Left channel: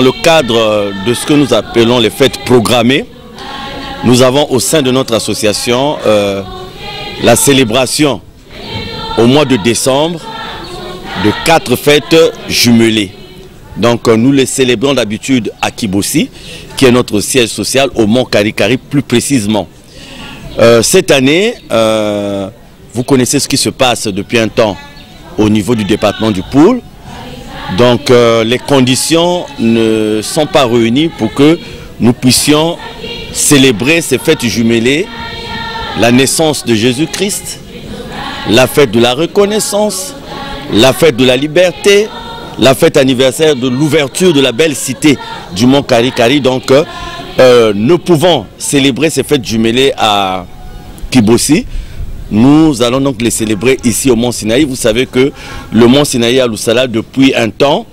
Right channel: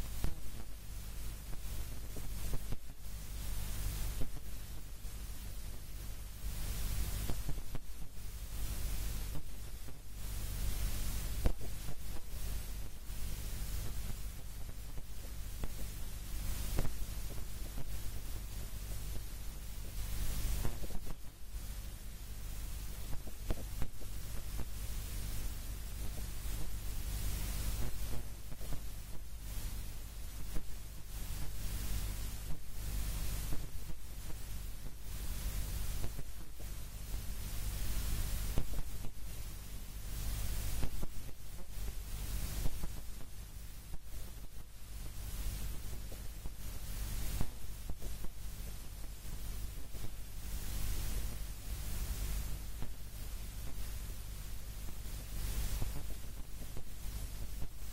dans le cadre de ce que nous appelons les fêtes programmées, nous avons au sein de notre association la célébration au mois de décembre de 4 fêtes jumelées. Donc nous les célébrons d'habitude à Kibossi, qui est notre siège social au Mont Karikari plus précisément. Cette année, vous connaissez ce qui se passe depuis un temps au niveau du département du Poul. Donc les conditions ne sont pas réunies pour que nous puissions célébrer ces fêtes jumelées, la naissance de Jésus-Christ, la fête de la reconnaissance, la fête de la liberté, la fête anniversaire de l'ouverture de la belle cité du Mont Karikari. Donc nous pouvons célébrer ces fêtes jumelées à Kibossi. Nous allons donc les célébrer ici au Mont Sinaï. Vous savez que le Mont Sinaï à Loussala, depuis un temps,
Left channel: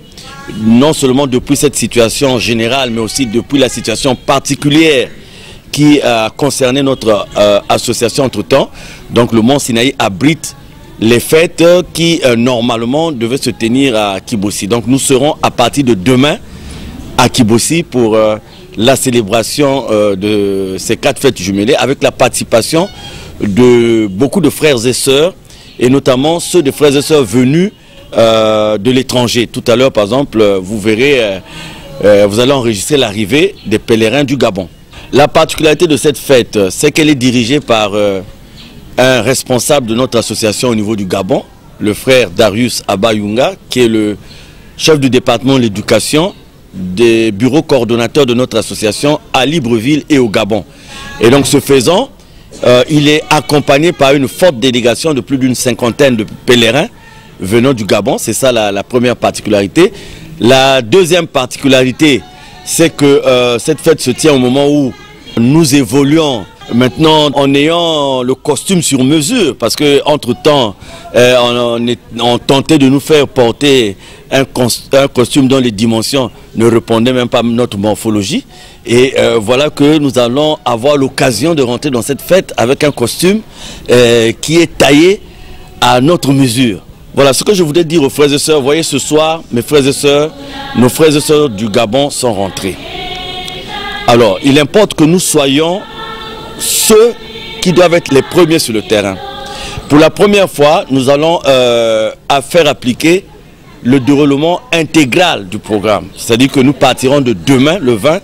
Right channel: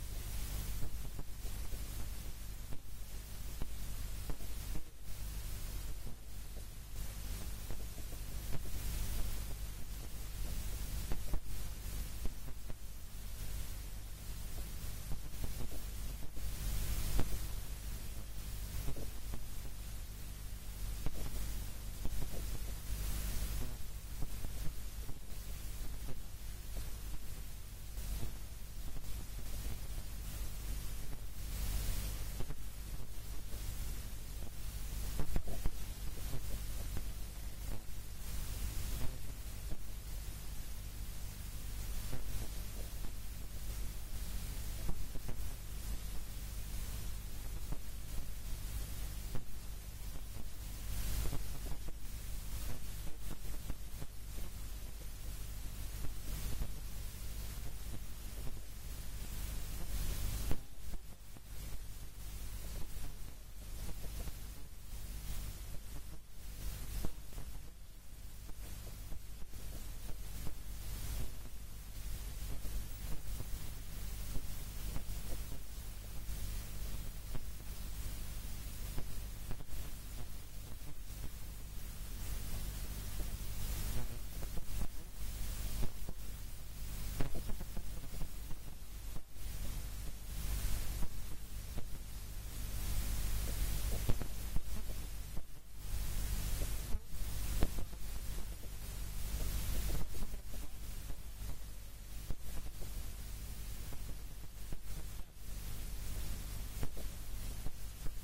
non seulement depuis cette situation générale, mais aussi depuis la situation particulière qui a concerné notre association entre-temps. Donc le Mont Sinaï abrite les fêtes qui normalement devaient se tenir à Kibossi. Donc nous serons à partir de demain à Kibossi pour la célébration de ces 4 fêtes jumelées avec la participation de beaucoup de frères et sœurs, et notamment ceux des frères et sœurs venus de l'étranger. Tout à l'heure, par exemple, vous verrez, vous allez enregistrer l'arrivée des pèlerins du Gabon. La particularité de cette fête, c'est qu'elle est dirigée par un responsable de notre association au niveau du Gabon, le frère Darius Abayunga, qui est le chef du département de l'éducation des bureaux coordonnateurs de notre association à Libreville et au Gabon. Et donc, ce faisant, il est accompagné par une forte délégation de plus d'une 50aine de pèlerins venant du Gabon. C'est ça la première particularité. La deuxième particularité, c'est que cette fête se tient au moment où nous évoluons maintenant en ayant le costume sur mesure, parce qu'entre-temps, on tentait de nous faire porter un costume dont les dimensions ne répondaient même pas à notre morphologie. Et voilà que nous allons avoir l'occasion de rentrer dans cette fête avec un costume qui est taillé à notre mesure. Voilà ce que je voulais dire aux frères et sœurs. Vous voyez, ce soir, mes frères et sœurs, nos frères et sœurs du Gabon sont rentrés. Alors, il importe que nous soyons ceux qui doivent être les premiers sur le terrain. Pour la première fois, nous allons faire appliquer le déroulement intégral du programme. C'est-à-dire que nous partirons de demain, le 20,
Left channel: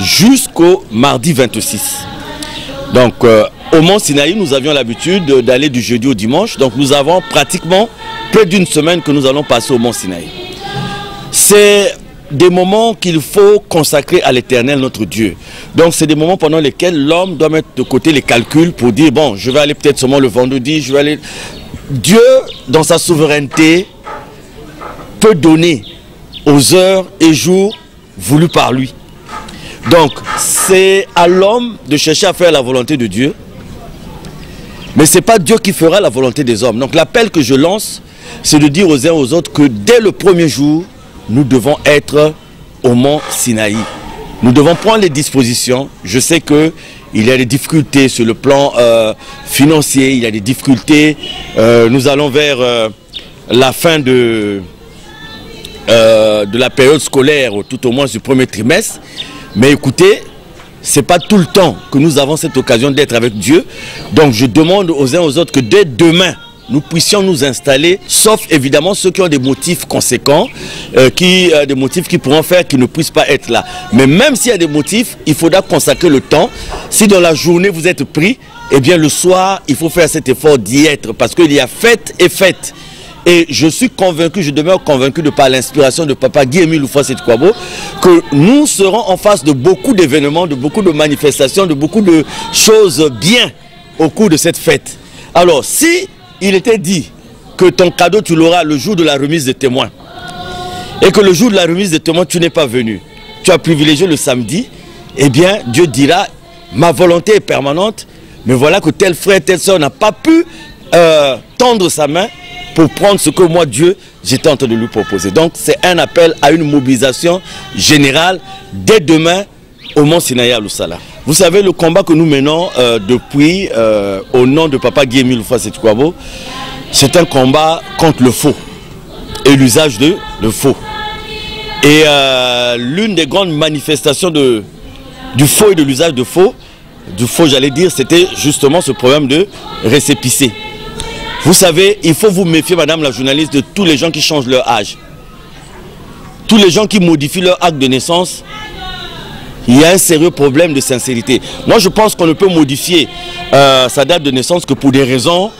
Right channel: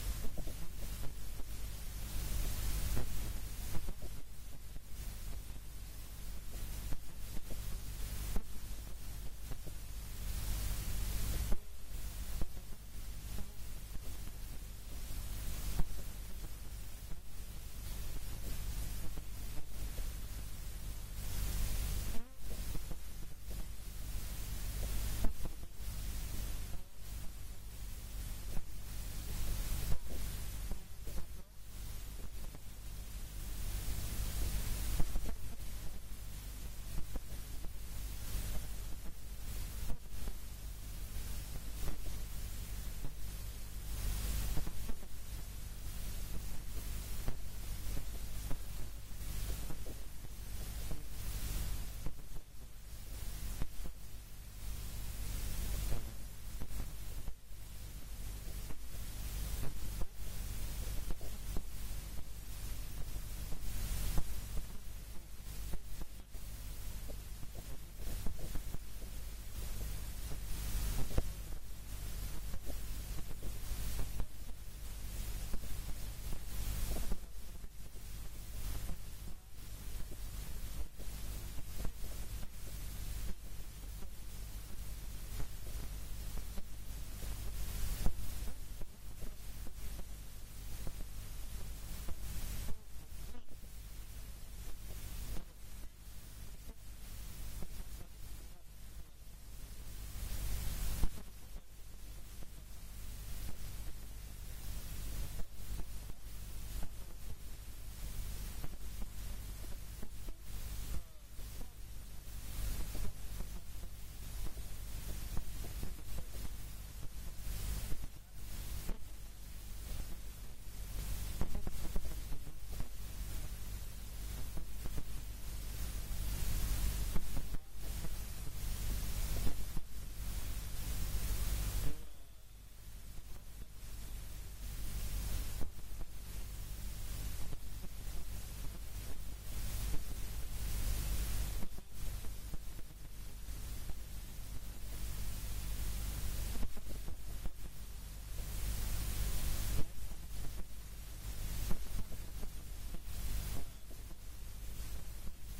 jusqu'au mardi 26. Donc, au Mont Sinaï, nous avions l'habitude d'aller du jeudi au dimanche. Donc, nous avons pratiquement près d'une semaine que nous allons passer au Mont Sinaï. C'est des moments qu'il faut consacrer à l'Éternel, notre Dieu. Donc, c'est des moments pendant lesquels l'homme doit mettre de côté les calculs pour dire, bon, je vais aller peut-être seulement le vendredi, je vais aller... Dieu, dans sa souveraineté, peut donner aux heures et jours voulus par lui. Donc, c'est à l'homme de chercher à faire la volonté de Dieu. Mais ce n'est pas Dieu qui fera la volonté des hommes. Donc, l'appel que je lance, c'est de dire aux uns aux autres que dès le premier jour, nous devons être au Mont Sinaï. Nous devons prendre les dispositions. Je sais qu'il y a des difficultés sur le plan financier, il y a des difficultés. Nous allons vers la fin de la période scolaire, tout au moins du premier trimestre. Mais écoutez, ce n'est pas tout le temps que nous avons cette occasion d'être avec Dieu. Donc je demande aux uns aux autres que dès demain, nous puissions nous installer, sauf évidemment ceux qui ont des motifs conséquents, des motifs qui pourront faire qu'ils ne puissent pas être là. Mais même s'il y a des motifs, il faudra consacrer le temps. Si dans la journée vous êtes pris, eh bien le soir, il faut faire cet effort d'y être, parce qu'il y a fête et fête. Et je suis convaincu, je demeure convaincu de par l'inspiration de Papa Guy-Émile Oufouas-Sétouabo, que nous serons en face de beaucoup d'événements, de beaucoup de manifestations, de beaucoup de choses bien au cours de cette fête. Alors, si il était dit que ton cadeau, tu l'auras le jour de la remise des témoins, et que le jour de la remise des témoins, tu n'es pas venu, tu as privilégié le samedi, eh bien, Dieu dira, ma volonté est permanente, mais voilà que tel frère, telle soeur n'a pas pu tendre sa main pour prendre ce que moi, Dieu, j'étais en train de lui proposer. Donc, c'est un appel à une mobilisation générale dès demain au Mont Sinaï à Loussala. Vous savez, le combat que nous menons depuis, au nom de Papa Guy-Émile Oufouas-Sétouabo, c'est un combat contre le faux et l'usage de faux. Et l'une des grandes manifestations du faux et de l'usage de faux, j'allais dire, c'était justement ce problème de récépissé. Vous savez, il faut vous méfier, madame la journaliste, de tous les gens qui changent leur âge. Tous les gens qui modifient leur acte de naissance, il y a un sérieux problème de sincérité. Moi, je pense qu'on ne peut modifier sa date de naissance que pour des raisons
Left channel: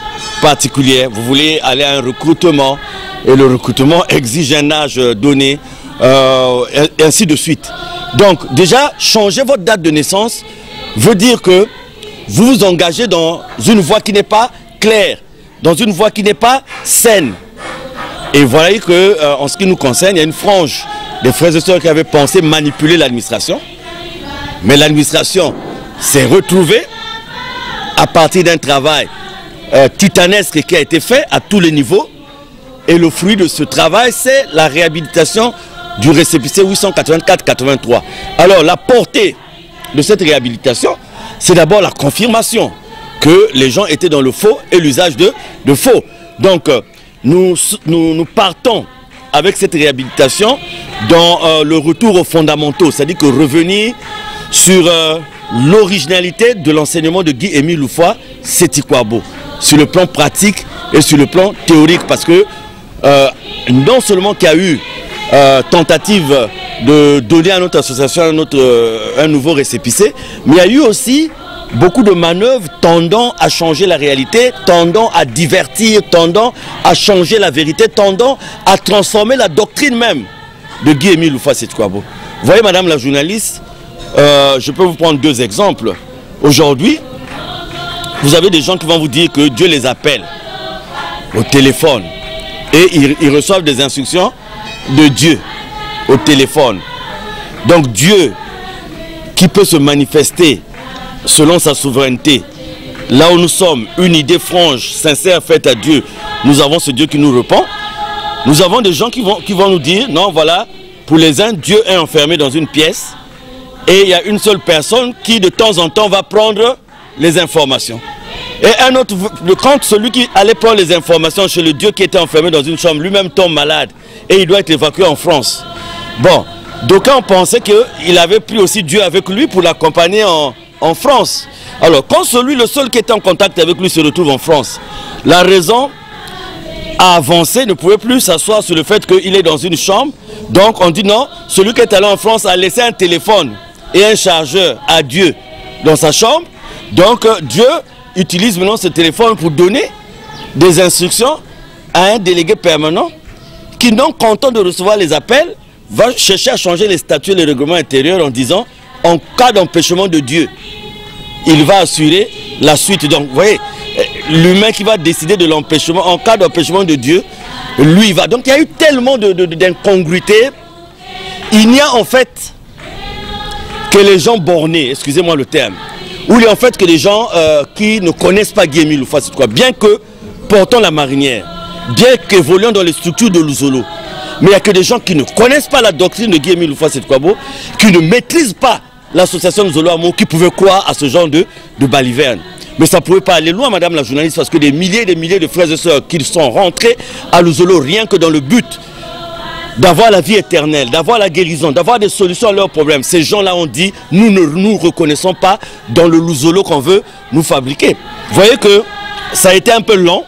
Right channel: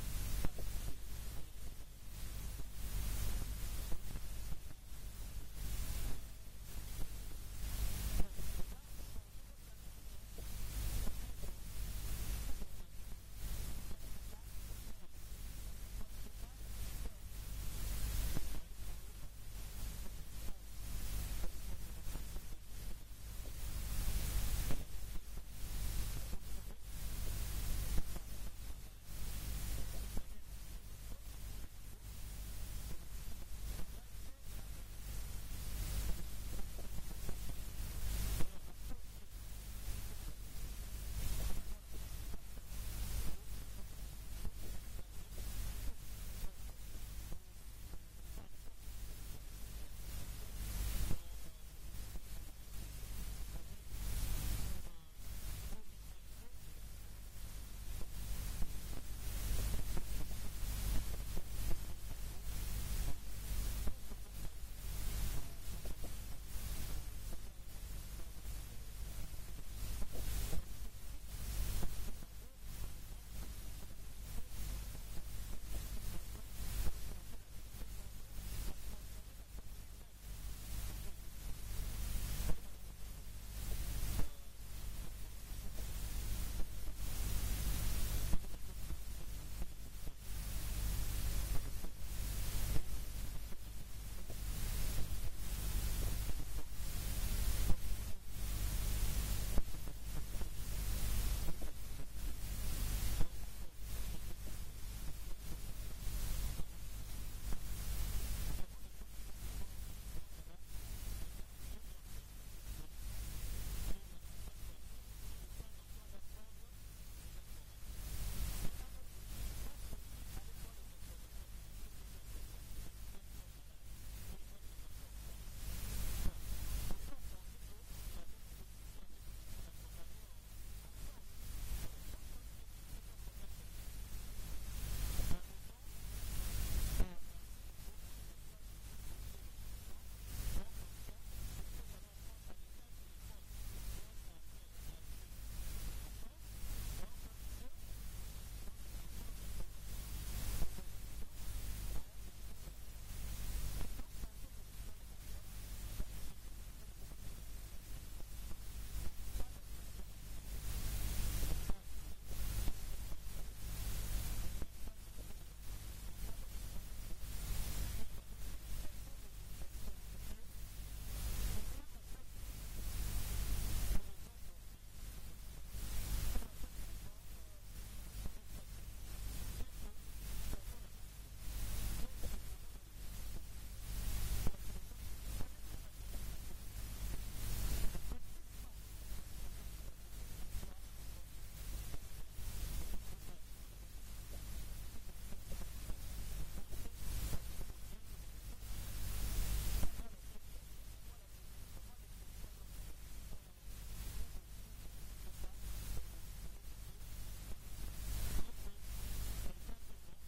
particulières. Vous voulez aller à un recrutement, et le recrutement exige un âge donné, et ainsi de suite. Donc, déjà, changer votre date de naissance veut dire que vous vous engagez dans une voie qui n'est pas claire, dans une voie qui n'est pas saine. Et vous voyez que, en ce qui nous concerne, il y a une frange des frères et sœurs qui avaient pensé manipuler l'administration. Mais l'administration s'est retrouvée à partir d'un travail titanesque qui a été fait à tous les niveaux. Et le fruit de ce travail, c'est la réhabilitation du récépissé 884-83. Alors, la portée de cette réhabilitation, c'est d'abord la confirmation que les gens étaient dans le faux et l'usage de faux. Donc, nous partons avec cette réhabilitation dans le retour aux fondamentaux, c'est-à-dire que revenir sur l'originalité de l'enseignement de Guy-Émile Loufoua Seti-Kouabo, sur le plan pratique et sur le plan théorique, parce que non seulement qu'il y a eu tentative de donner à notre association un nouveau récépissé, mais il y a eu aussi beaucoup de manœuvres tendant à changer la réalité, tendant à divertir, tendant à changer la vérité, tendant à transformer la doctrine même de Guy-Émile Loufoua Seti-Kouabo. Vous voyez, madame la journaliste, je peux vous prendre deux exemples. Aujourd'hui, vous avez des gens qui vont vous dire que Dieu les appelle au téléphone et ils reçoivent des instructions de Dieu au téléphone. Donc Dieu qui peut se manifester selon sa souveraineté, là où nous sommes, une idée franche, sincère, faite à Dieu, nous avons ce Dieu qui nous répond. Nous avons des gens qui vont nous dire, non, voilà, pour les uns, Dieu est enfermé dans une pièce et il y a une seule personne qui de temps en temps va prendre les informations. Et un autre, quand celui qui allait prendre les informations chez le Dieu qui était enfermé dans une chambre, lui-même tombe malade et il doit être évacué en France. Bon, d'aucuns pensaient qu'il avait pris aussi Dieu avec lui pour l'accompagner en France. Alors, quand le seul qui était en contact avec lui se retrouve en France, la raison à avancer ne pouvait plus s'asseoir sur le fait qu'il est dans une chambre. Donc, on dit non, celui qui est allé en France a laissé un téléphone et un chargeur à Dieu dans sa chambre. Donc, Dieu utilise maintenant ce téléphone pour donner des instructions à un délégué permanent qui, non content de recevoir les appels, va chercher à changer les statuts et les règlements intérieurs en disant, en cas d'empêchement de Dieu, il va assurer la suite. Donc, vous voyez, l'humain qui va décider de l'empêchement, en cas d'empêchement de Dieu, lui, il va. Donc, il y a eu tellement d'incongruités. Il n'y a en fait que les gens bornés, excusez-moi le terme, ou il y a en fait que les gens qui ne connaissent pas Guy-Émile Loufoua Seti-Kouabo, bien que portant la marinière, bien qu'évoluant dans les structures de Luzolo, mais il n'y a que des gens qui ne connaissent pas la doctrine de Guy-Émile Loufoua Seti-Kouabo, qui ne maîtrisent pas l'association Luzolo Amour, qui pouvaient croire à ce genre de baliverne. Mais ça ne pouvait pas aller loin, madame la journaliste, parce que des milliers et des milliers de frères et sœurs qui sont rentrés à Luzolo rien que dans le but d'avoir la vie éternelle, d'avoir la guérison, d'avoir des solutions à leurs problèmes. Ces gens-là ont dit, nous ne nous reconnaissons pas dans le Luzolo qu'on veut nous fabriquer. Vous voyez que ça a été un peu long,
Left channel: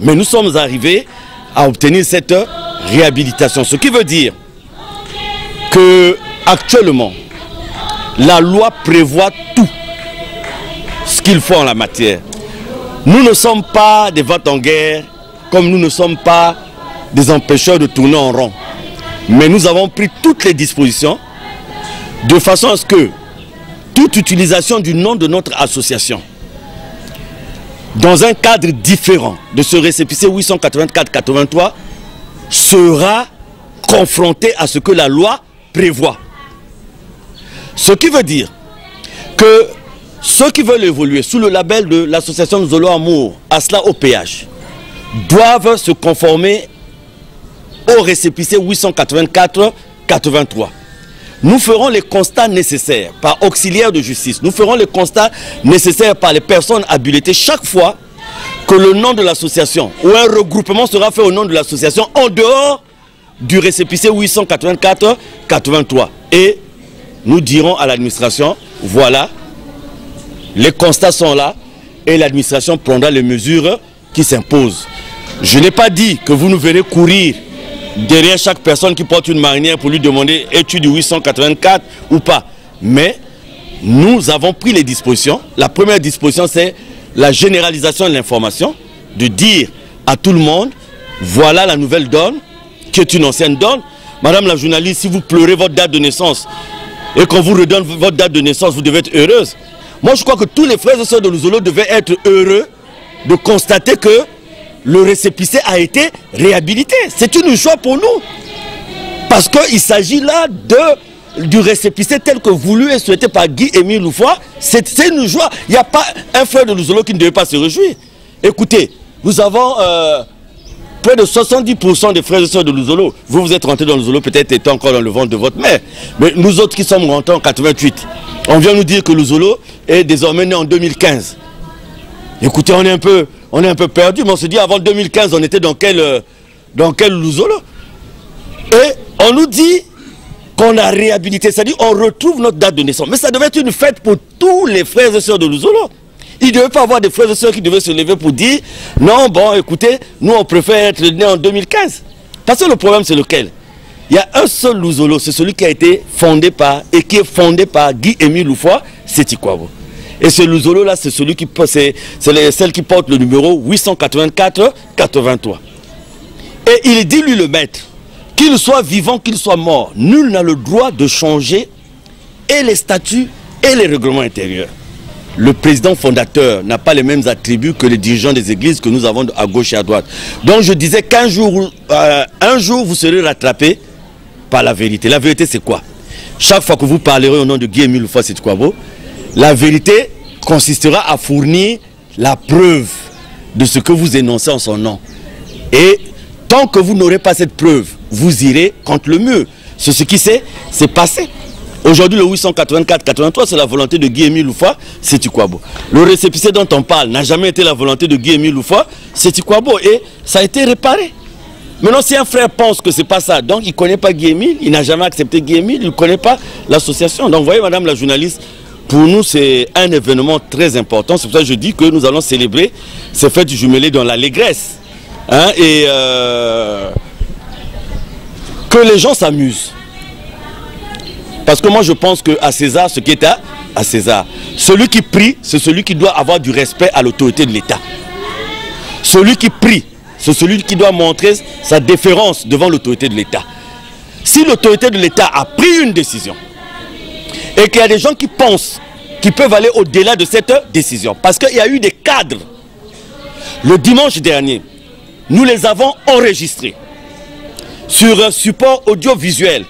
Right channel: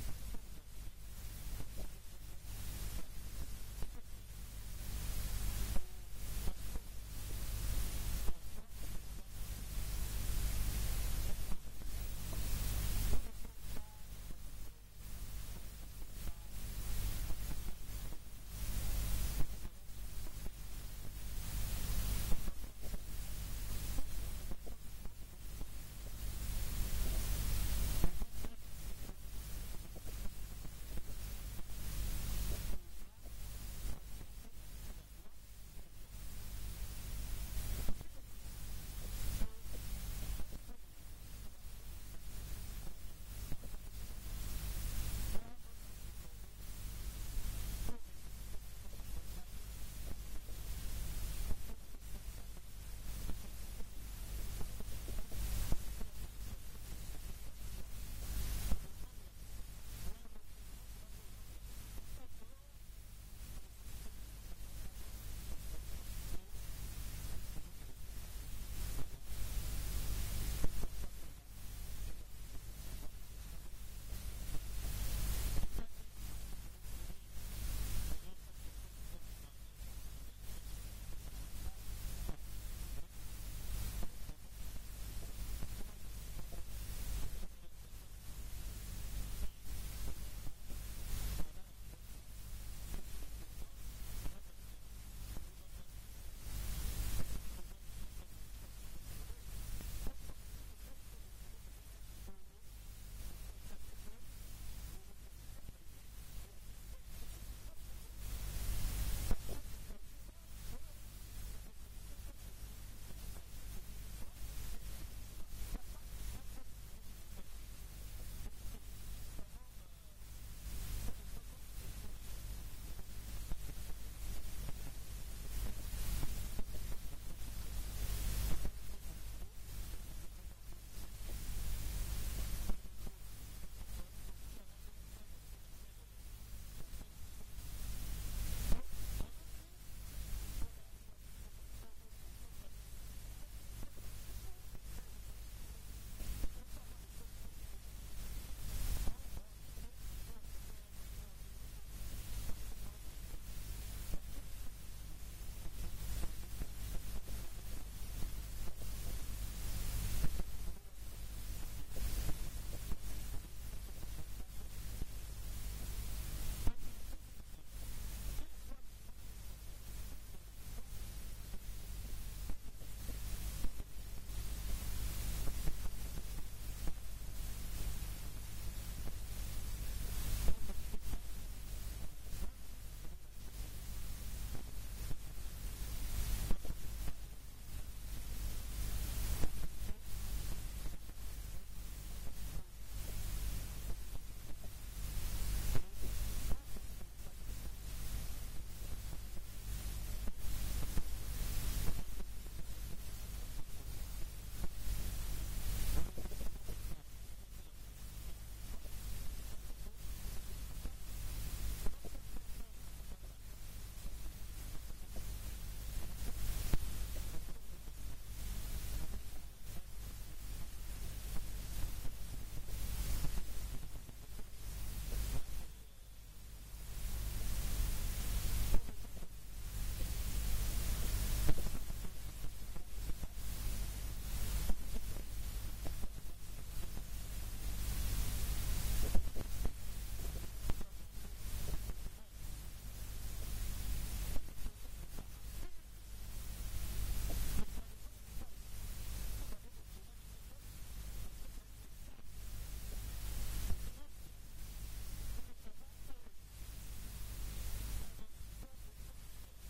mais nous sommes arrivés à obtenir cette réhabilitation. Ce qui veut dire que actuellement, la loi prévoit tout ce qu'il faut en la matière. Nous ne sommes pas des vents en guerre, comme nous ne sommes pas des empêcheurs de tourner en rond. Mais nous avons pris toutes les dispositions de façon à ce que toute utilisation du nom de notre association dans un cadre différent de ce récépissé 884-83 sera confronté à ce que la loi prévoit. Ce qui veut dire que ceux qui veulent évoluer sous le label de l'association Luzolo Amour, ASLA OPH, doivent se conformer au récépissé 884-83. Nous ferons les constats nécessaires par auxiliaire de justice. Nous ferons les constats nécessaires par les personnes habilitées chaque fois que le nom de l'association ou un regroupement sera fait au nom de l'association en dehors du récépissé 884-83. Et nous dirons à l'administration, voilà, les constats sont là et l'administration prendra les mesures qui s'imposent. Je n'ai pas dit que vous nous verrez courir derrière chaque personne qui porte une marinière pour lui demander es-tu du 884 ou pas. Mais nous avons pris les dispositions. La première disposition, c'est la généralisation de l'information, de dire à tout le monde, voilà la nouvelle donne, qui est une ancienne donne. Madame la journaliste, si vous pleurez votre date de naissance et qu'on vous redonne votre date de naissance, vous devez être heureuse. Moi, je crois que tous les frères et sœurs de Luzolo devaient être heureux de constater que le récépissé a été réhabilité. C'est une joie pour nous. Parce qu'il s'agit là du récépissé tel que voulu et souhaité par Guy-Émile Loufois. C'est une joie. Il n'y a pas un frère de Luzolo qui ne devait pas se réjouir. Écoutez, nous avons près de 70% des frères et sœurs de Luzolo. Vous êtes rentrés dans Luzolo, peut-être étant encore dans le ventre de votre mère. Mais nous autres qui sommes rentrés en 88, on vient nous dire que Luzolo est désormais né en 2015. Écoutez, on est un peu perdu, mais on se dit avant 2015, on était dans quel Luzolo? Et on nous dit qu'on a réhabilité, c'est-à-dire on retrouve notre date de naissance. Mais ça devait être une fête pour tous les frères et sœurs de Luzolo. Il ne devait pas avoir des frères et sœurs qui devaient se lever pour dire non, bon, écoutez, nous on préfère être nés en 2015. Parce que le problème, c'est lequel? Il y a un seul Luzolo, c'est celui qui a été fondé par, et qui est fondé par Guy-Émile Loufois, c'est Tikwabo. Et ce Luzolo-là, c'est celui qui c'est celle qui porte le numéro 884-83. Et il dit, lui, le maître, qu'il soit vivant, qu'il soit mort, nul n'a le droit de changer et les statuts et les règlements intérieurs. Le président fondateur n'a pas les mêmes attributs que les dirigeants des églises que nous avons à gauche et à droite. Donc je disais qu'un jour, un jour, vous serez rattrapé par la vérité. La vérité, c'est quoi? Chaque fois que vous parlerez au nom de Guy-Émile Loufois Sétikwabo, la vérité consistera à fournir la preuve de ce que vous énoncez en son nom. Et tant que vous n'aurez pas cette preuve, vous irez contre le mur. C'est ce qui s'est passé. Aujourd'hui, le 884-83, c'est la volonté de Guy-Émile Loufois Sétikwabo. Le récépissé dont on parle n'a jamais été la volonté de Guy-Émile Loufois Sétikwabo et ça a été réparé. Maintenant, si un frère pense que ce n'est pas ça, donc il ne connaît pas Guy-Émile, il n'a jamais accepté Guy-Émile, il ne connaît pas l'association. Donc, vous voyez, madame la journaliste, pour nous, c'est un événement très important. C'est pour ça que je dis que nous allons célébrer ces fêtes jumelées dans l'allégresse. Hein, et que les gens s'amusent. Parce que moi, je pense qu'à César, ce qui est à César. Celui qui prie, c'est celui qui doit avoir du respect à l'autorité de l'État. Celui qui prie, c'est celui qui doit montrer sa déférence devant l'autorité de l'État. Si l'autorité de l'État a pris une décision, et qu'il y a des gens qui pensent qu'ils peuvent aller au-delà de cette décision, parce qu'il y a eu des cadres, le dimanche dernier, nous les avons enregistrés sur un support audiovisuel,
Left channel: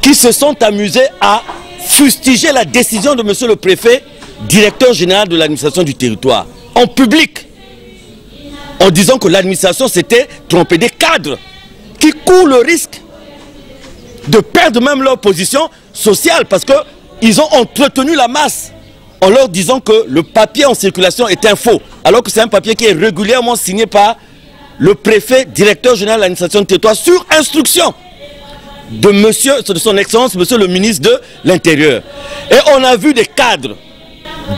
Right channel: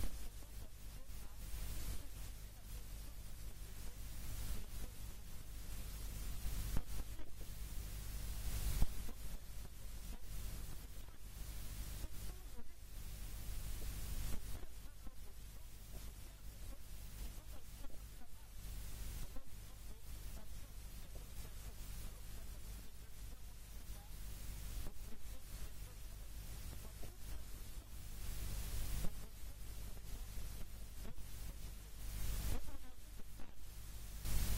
qui se sont amusés à fustiger la décision de monsieur le préfet, directeur général de l'administration du territoire, en public, en disant que l'administration s'était trompée, des cadres qui courent le risque de perdre même leur position sociale parce qu'ils ont entretenu la masse en leur disant que le papier en circulation est un faux, alors que c'est un papier qui est régulièrement signé par le préfet, directeur général de l'administration du territoire sur instruction de son excellence, monsieur le ministre de l'Intérieur. Et on a vu des cadres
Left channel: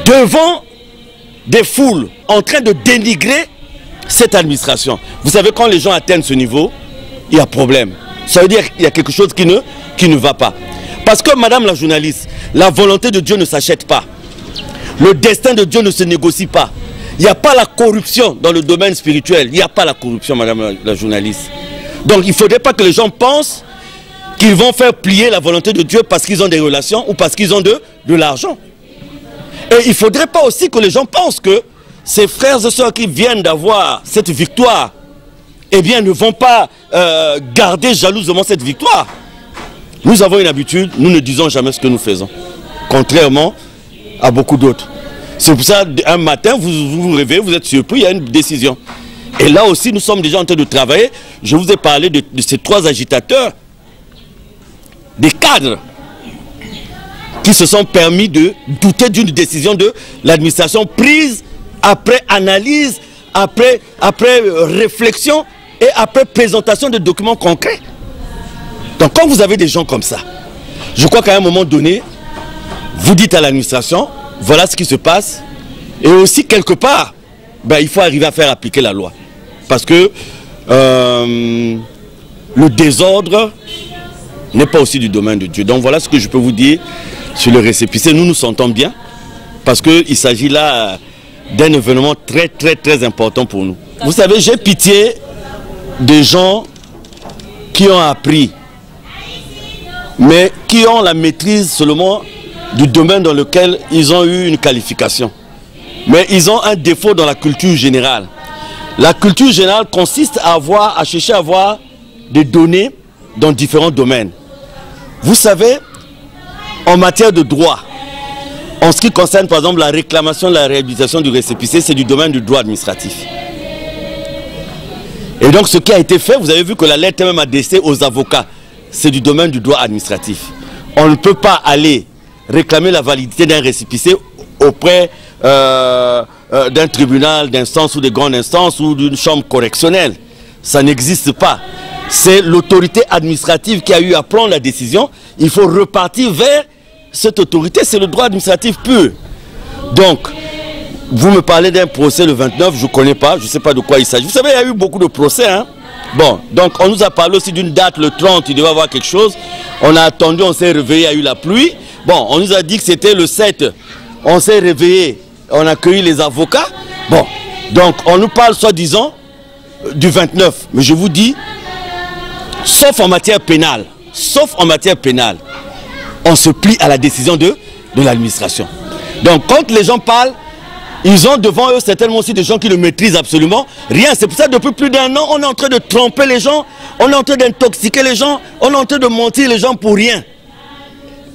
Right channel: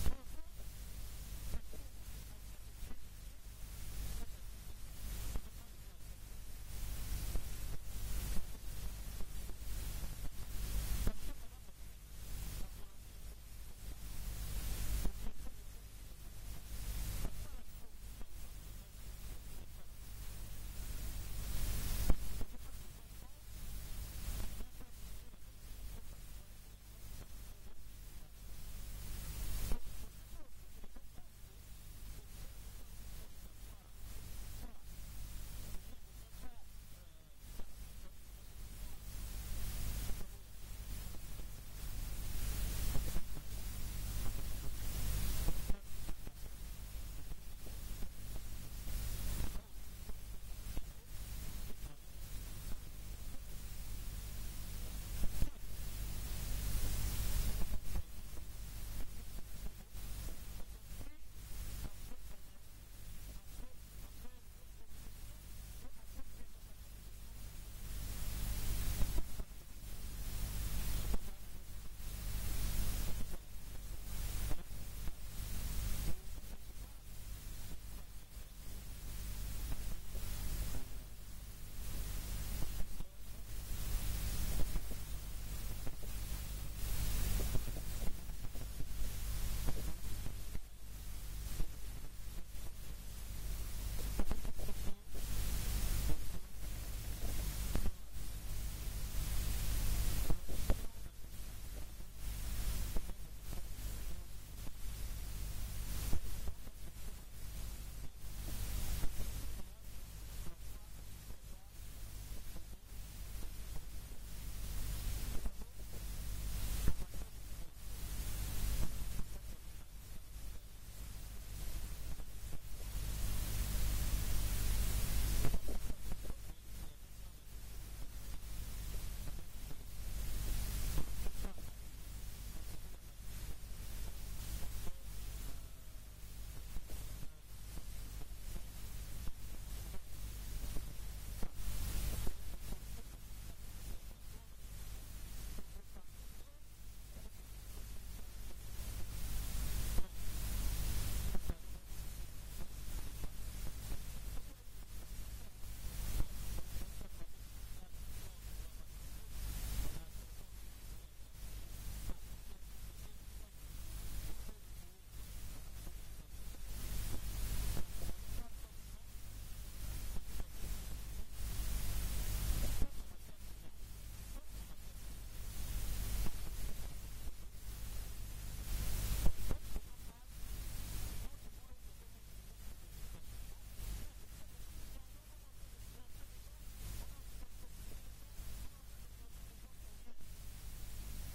devant des foules en train de dénigrer cette administration. Vous savez, quand les gens atteignent ce niveau, il y a problème. Ça veut dire qu'il y a quelque chose qui ne va pas. Parce que, madame la journaliste, la volonté de Dieu ne s'achète pas. Le destin de Dieu ne se négocie pas. Il n'y a pas la corruption dans le domaine spirituel. Il n'y a pas la corruption, madame la journaliste. Donc, il ne faudrait pas que les gens pensent qu'ils vont faire plier la volonté de Dieu parce qu'ils ont des relations ou parce qu'ils ont de l'argent. Et il ne faudrait pas aussi que les gens pensent que ces frères et sœurs qui viennent d'avoir cette victoire, eh bien, ne vont pas garder jalousement cette victoire. Nous avons une habitude, nous ne disons jamais ce que nous faisons, contrairement à beaucoup d'autres. C'est pour ça, un matin, vous vous réveillez, vous êtes surpris, il y a une décision. Et là aussi, nous sommes déjà en train de travailler. Je vous ai parlé de ces trois agitateurs, des cadres qui se sont permis de douter d'une décision de l'administration prise après analyse, après réflexion et après présentation de documents concrets. Donc quand vous avez des gens comme ça, je crois qu'à un moment donné, vous dites à l'administration, voilà ce qui se passe. Et aussi, quelque part, ben, il faut arriver à faire appliquer la loi. Parce que le désordre n'est pas aussi du domaine de Dieu. Donc voilà ce que je peux vous dire sur le récépissé. Nous nous sentons bien parce qu'il s'agit là d'un événement très très très important pour nous. Vous savez, j'ai pitié des gens qui ont appris, mais qui ont la maîtrise seulement du domaine dans lequel ils ont eu une qualification. Mais ils ont un défaut dans la culture générale. La culture générale consiste à chercher à avoir des données dans différents domaines. Vous savez, en matière de droit, en ce qui concerne par exemple la réclamation de la réhabilitation du récépissé, c'est du domaine du droit administratif. Et donc ce qui a été fait, vous avez vu que la lettre est même adressée aux avocats, c'est du domaine du droit administratif. On ne peut pas aller réclamer la validité d'un récépissé auprès d'un tribunal d'instance ou de grande instance ou d'une chambre correctionnelle. Ça n'existe pas. C'est l'autorité administrative qui a eu à prendre la décision. Il faut repartir vers cette autorité. C'est le droit administratif pur. Donc, vous me parlez d'un procès le 29, je ne connais pas, je ne sais pas de quoi il s'agit. Vous savez, il y a eu beaucoup de procès. Hein? Bon, donc on nous a parlé aussi d'une date, le 30, il devait y avoir quelque chose. On a attendu, on s'est réveillé, il y a eu la pluie. Bon, on nous a dit que c'était le 7. On s'est réveillé, on a accueilli les avocats. Bon, donc on nous parle soi-disant du 29. Mais je vous dis, sauf en matière pénale, on se plie à la décision de l'administration. Donc quand les gens parlent, ils ont devant eux certainement aussi des gens qui ne maîtrisent absolument rien. C'est pour ça que depuis plus d'1 an, on est en train de tromper les gens, on est en train d'intoxiquer les gens, on est en train de mentir les gens pour rien.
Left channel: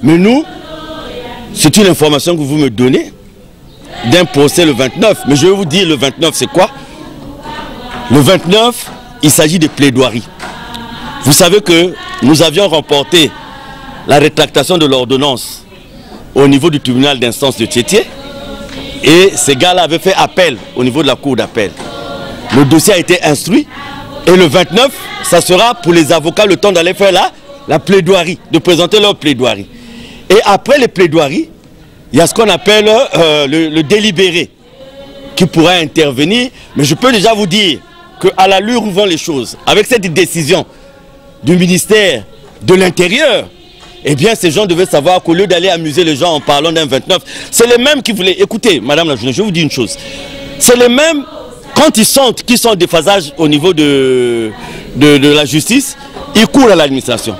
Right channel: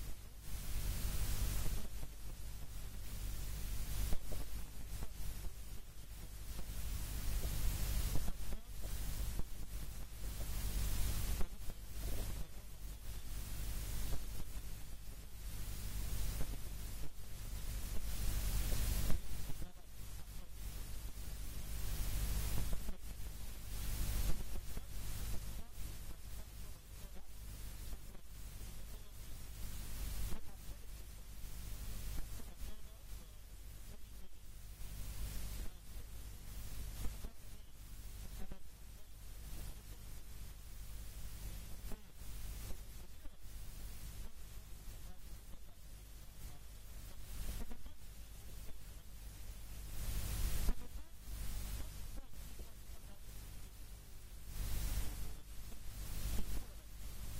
Mais nous, c'est une information que vous me donnez d'un procès le 29. Mais je vais vous dire le 29 c'est quoi? Le 29, il s'agit de plaidoiries. Vous savez que nous avions remporté la rétractation de l'ordonnance au niveau du tribunal d'instance de Tiétié. Et ces gars-là avaient fait appel au niveau de la cour d'appel. Le dossier a été instruit. Et le 29, ça sera pour les avocats le temps d'aller faire la plaidoirie, de présenter leur plaidoirie. Et après les plaidoiries, il y a ce qu'on appelle le délibéré qui pourra intervenir. Mais je peux déjà vous dire qu'à l'allure où vont les choses, avec cette décision du ministère de l'Intérieur, eh bien ces gens devaient savoir qu'au lieu d'aller amuser les gens en parlant d'un 29, c'est les mêmes qui voulaient... Écoutez, madame la journaliste, je vous dis une chose. C'est les mêmes, quand ils sentent qu'ils sont en déphasage au niveau de la justice, ils courent à l'administration.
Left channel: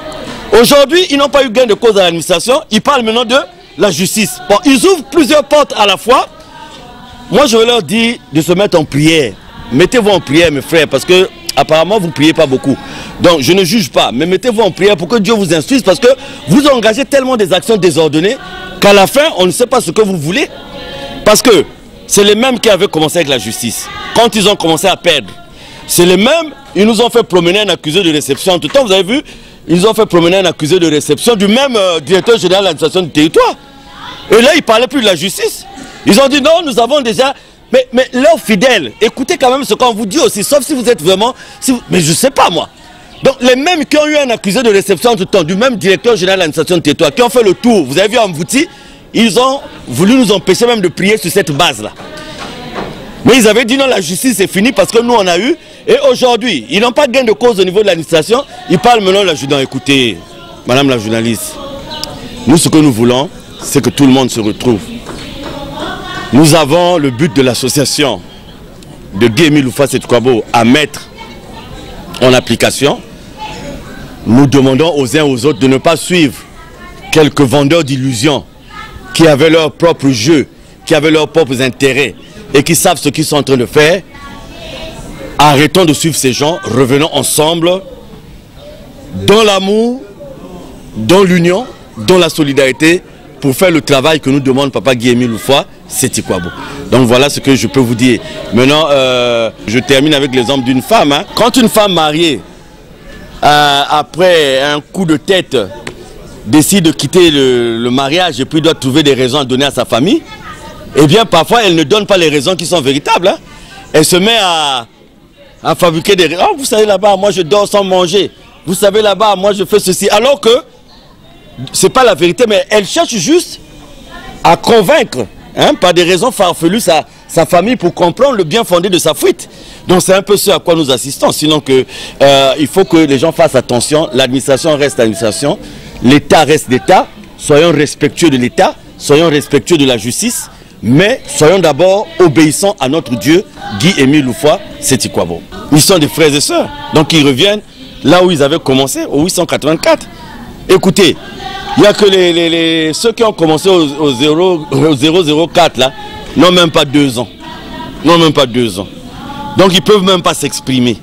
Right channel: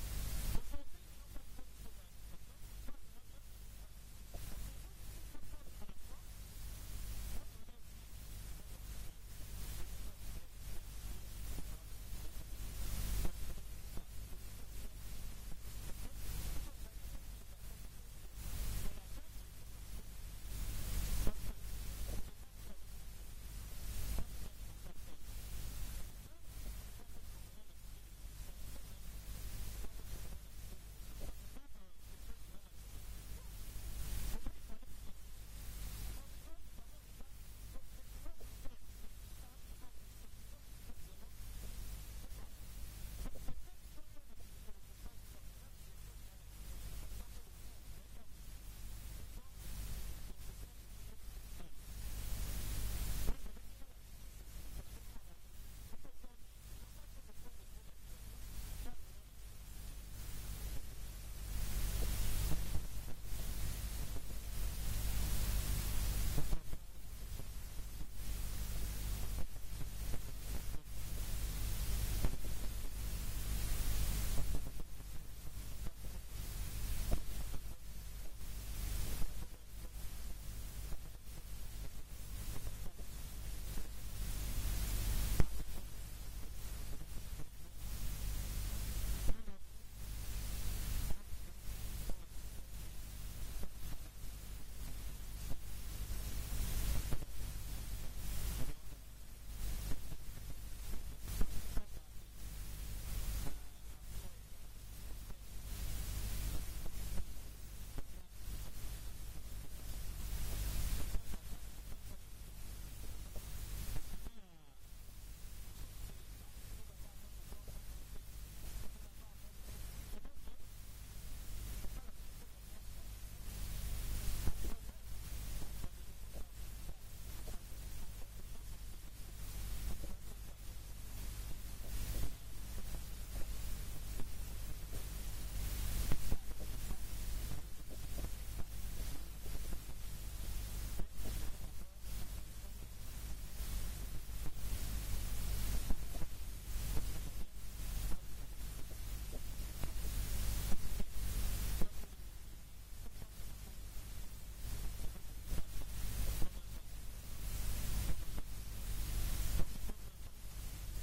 Aujourd'hui, ils n'ont pas eu gain de cause à l'administration, ils parlent maintenant de la justice. Bon, ils ouvrent plusieurs portes à la fois. Moi, je vais leur dire de se mettre en prière. Mettez-vous en prière, mes frères, parce que apparemment, vous ne priez pas beaucoup. Donc, je ne juge pas, mais mettez-vous en prière pour que Dieu vous instruise, parce que vous engagez tellement des actions désordonnées qu'à la fin, on ne sait pas ce que vous voulez. Parce que c'est les mêmes qui avaient commencé avec la justice. Quand ils ont commencé à perdre, c'est les mêmes, ils nous ont fait promener un accusé de réception. En tout temps, vous avez vu, ils ont fait promener un accusé de réception du même directeur général de l'administration du territoire. Et là, ils ne parlaient plus de la justice. Ils ont dit non, nous avons déjà... Mais leurs fidèles, écoutez quand même ce qu'on vous dit aussi, sauf si vous êtes vraiment... mais je ne sais pas moi. Donc les mêmes qui ont eu un accusé de réception en tout temps, du même directeur général de l'administration du territoire, qui ont fait le tour, vous avez vu en Mbouti, ils ont voulu nous empêcher même de prier sur cette base-là. Mais ils avaient dit non, la justice est finie parce que nous on a eu. Et aujourd'hui, ils n'ont pas gain de cause au niveau de l'administration. Ils parlent maintenant de la justice. Écoutez, madame la journaliste, nous ce que nous voulons, c'est que tout le monde se retrouve. Nous avons le but de l'association de Guy-Émile Loufa-Sétikwabo à mettre en application. Nous demandons aux uns aux autres de ne pas suivre quelques vendeurs d'illusions qui avaient leur propre jeu, qui avaient leurs propres intérêts et qui savent ce qu'ils sont en train de faire. Arrêtons de suivre ces gens, revenons ensemble dans l'amour, dans l'union, dans la solidarité pour faire le travail que nous demande Papa Guy-Émile Loufa-Sétikwabo. Donc voilà ce que je peux vous dire. Maintenant, je termine avec l'exemple d'une femme. Hein. Quand une femme mariée, après un coup de tête, décide de quitter le mariage et puis doit trouver des raisons à donner à sa famille, eh bien parfois elle ne donne pas les raisons qui sont véritables. Hein. Elle se met à fabriquer des raisons. Oh, vous savez là-bas, moi je dors sans manger. vous savez là-bas, moi je fais ceci. Alors que, c'est pas la vérité, mais elle cherche juste à convaincre, hein, par des raisons farfelues, sa famille pour comprendre le bien fondé de sa fuite. Donc c'est un peu ce à quoi nous assistons. Sinon que, il faut que les gens fassent attention. L'administration reste administration, l'État reste l'État. Soyons respectueux de l'État, soyons respectueux de la justice, mais soyons d'abord obéissants à notre Dieu, Guy-Émile Loufoua, Sétikwabo. Ils sont des frères et sœurs, donc ils reviennent là où ils avaient commencé, au 884. Écoutez, il n'y a que ceux qui ont commencé au 004 là, n'ont même pas 2 ans. N'ont même pas 2 ans. Donc ils ne peuvent même pas s'exprimer.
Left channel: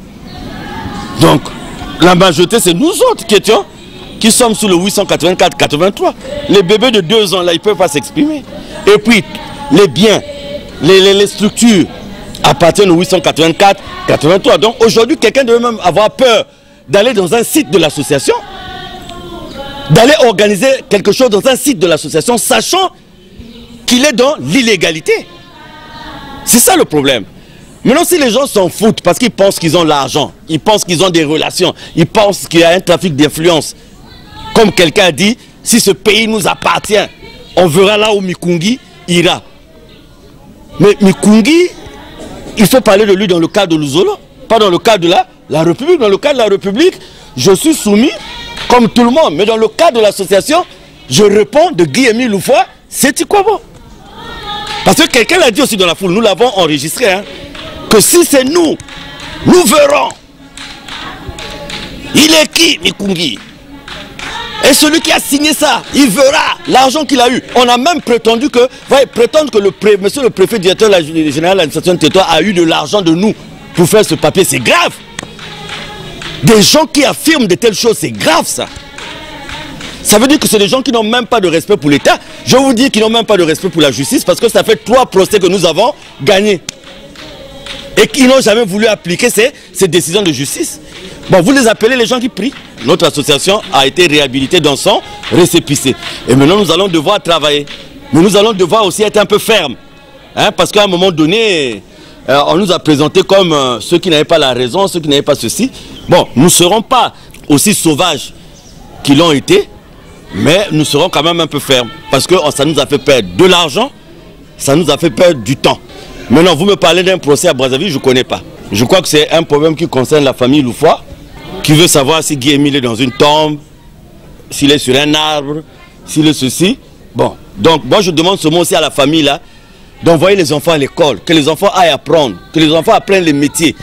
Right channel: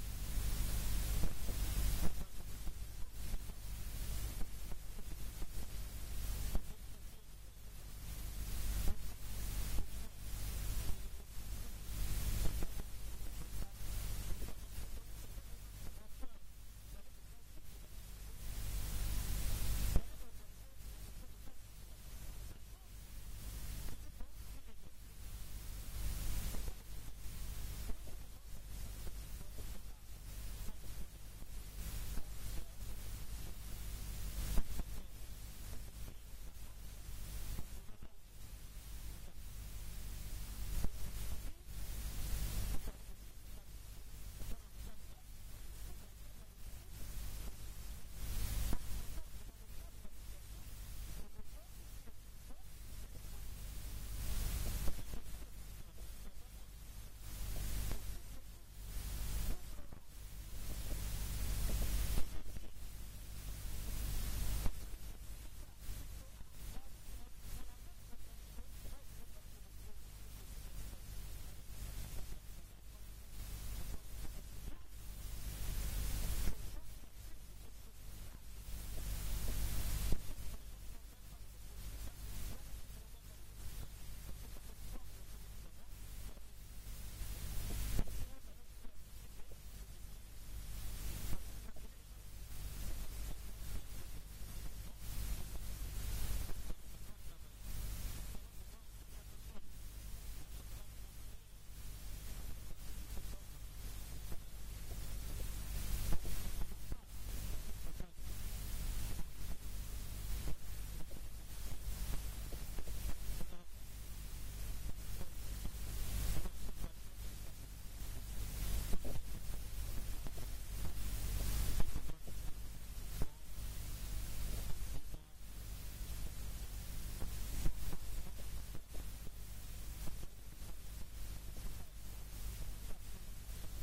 Donc la majorité, c'est nous autres qui sommes sous le 884-83. Les bébés de 2 ans là, ils ne peuvent pas s'exprimer. Et puis les biens, les structures appartiennent au 884-83. Donc aujourd'hui, quelqu'un devait même avoir peur d'aller dans un site de l'association, d'aller organiser quelque chose dans un site de l'association, sachant qu'il est dans l'illégalité. C'est ça le problème. Maintenant, si les gens s'en foutent parce qu'ils pensent qu'ils ont l'argent, ils pensent qu'ils ont des relations, ils pensent qu'il y a un trafic d'influence, comme quelqu'un a dit, si ce pays nous appartient, on verra là où Mikungi ira. Mais Mikungi, il faut parler de lui dans le cadre de l'Uzolo, pas dans le cadre de la République. Dans le cadre de la République, je suis soumis comme tout le monde. Mais dans le cadre de l'association, je réponds de Guy-Émile Loufoua, Sétikwabo. Parce que quelqu'un l'a dit aussi dans la foule, nous l'avons enregistré, hein, que si c'est nous, nous verrons. Il est qui, Mikungi? Et celui qui a signé ça, il verra l'argent qu'il a eu. On a même prétendu que, prétendre que monsieur le préfet directeur général de l'administration du territoire a eu de l'argent de nous pour faire ce papier, c'est grave. Des gens qui affirment de telles choses, c'est grave ça. Ça veut dire que c'est des gens qui n'ont même pas de respect pour l'État. Je vous dis qu'ils n'ont même pas de respect pour la justice parce que ça fait 3 procès que nous avons gagnés. Et qu'ils n'ont jamais voulu appliquer ces décisions de justice. Bon, vous les appelez les gens qui prient. Notre association a été réhabilitée dans son récépissé. Et maintenant, nous allons devoir travailler. Mais nous allons devoir aussi être un peu fermes. Hein, parce qu'à un moment donné, on nous a présenté comme ceux qui n'avaient pas la raison, ceux qui n'avaient pas ceci. Bon, nous ne serons pas aussi sauvages qu'ils l'ont été, mais nous serons quand même un peu fermes. Parce que ça nous a fait perdre de l'argent, ça nous a fait perdre du temps. Maintenant, vous me parlez d'un procès à Brazzaville, je ne connais pas. Je crois que c'est un problème qui concerne la famille Loufoua, qui veut savoir si Guy-Émile est dans une tombe, s'il est sur un arbre, s'il est ceci. Bon, donc moi je demande ce mot aussi à la famille là, d'envoyer les enfants à l'école, que les enfants aillent apprendre, que les enfants apprennent les métiers.